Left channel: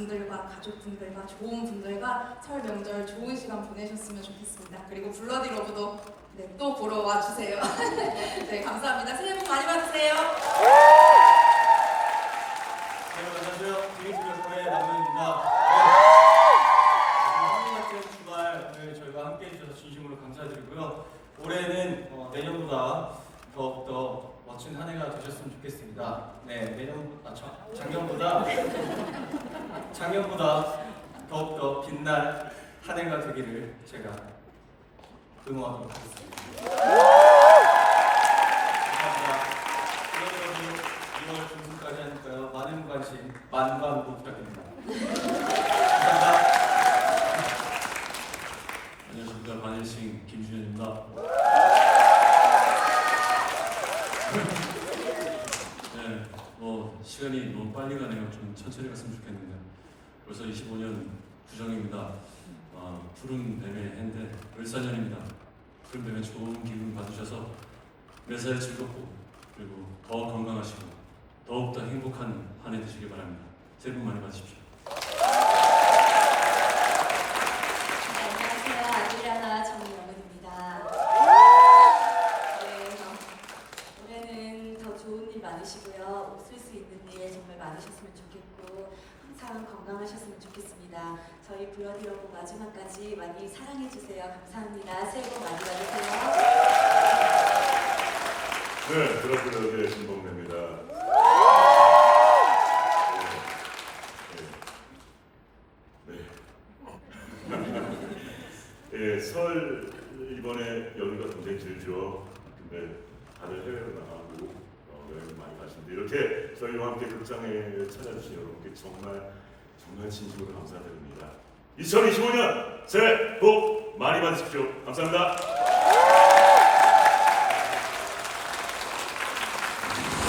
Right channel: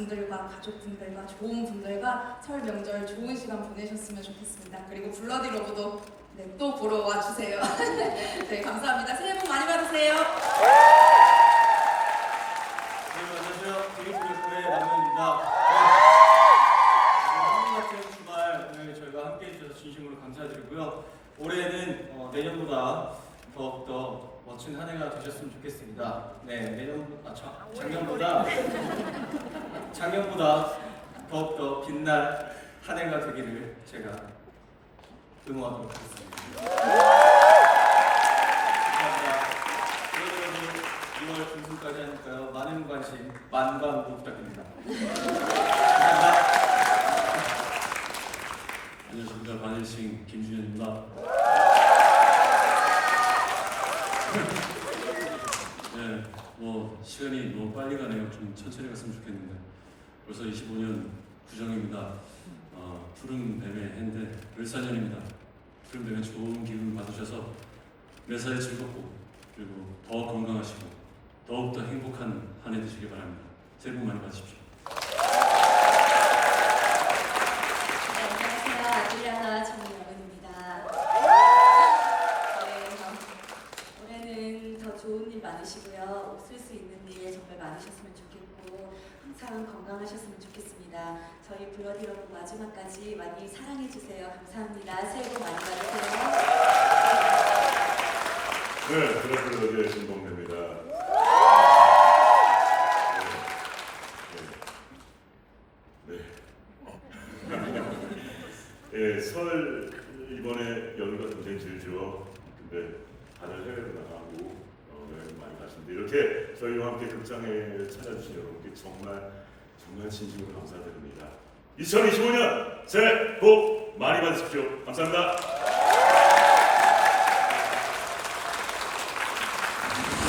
가족들과 가족 분들과 좋은 분들과 설 명절 좋은 시간 보내셨으면 좋겠습니다. 그리고 블러디 러브도 네, 또 보러 와주세요. 네, 감사합니다. 새해 복 많이 받으세요. 네, 안녕하세요. 드림플러스의 남현입니다. 한국 같은 주말 오늘 저희가 함께 해주셔서 진심으로 감사드리고요. 올해는 어, 내년보다 더욱더 멋진 한 해가 되셨으면 좋겠습니다. 네, 내년 아 자, 작년보다 작년보다 더욱더 빛날 한 해가 되기를 제가 응원하도록 하겠습니다. 감사합니다. 그러면 2월 중순까지 하니까요. 많은 관심, 만반부 부탁드립니다. 안녕하십니까 반일싱 김준현입니다. 네, 뭐 시간이 너무 빨리 가네요. 좀 천천히 갔으면 좋겠는데 벌써 25년 구정입니다. 아, 푸른 뱀의 해인데 을사년입니다. 푸른 뱀의 좋은 기운 받으셔서 매사에 즐겁고 그리고 더 건강하시고 더욱더 행복한 한 해 되시길 바랍니다. 새해 복 많이 받으십시오. 네, 정영은입니다. 네. 웃을 수 있는 많으셨으면 좋겠고 항상 건강하셨으면 좋겠습니다. 저희 블러디 러브 마지막까지 많이 사랑해 주세요. 감사합니다. 새해 복 많이 받으세요. 네, 드라큘라의 신동대입니다. 네. 네. 예, 설 이번에 여기가 굉장히 길죠. 근데 다들 해외로 나가고 어, 여행 많이 가시는데 이렇게 저희와 함께 극장에 찾아주신 여러분께 정말 정말 진심으로 감사드립니다. 2025년 새해 복 많이 받으십시오. 감사합니다.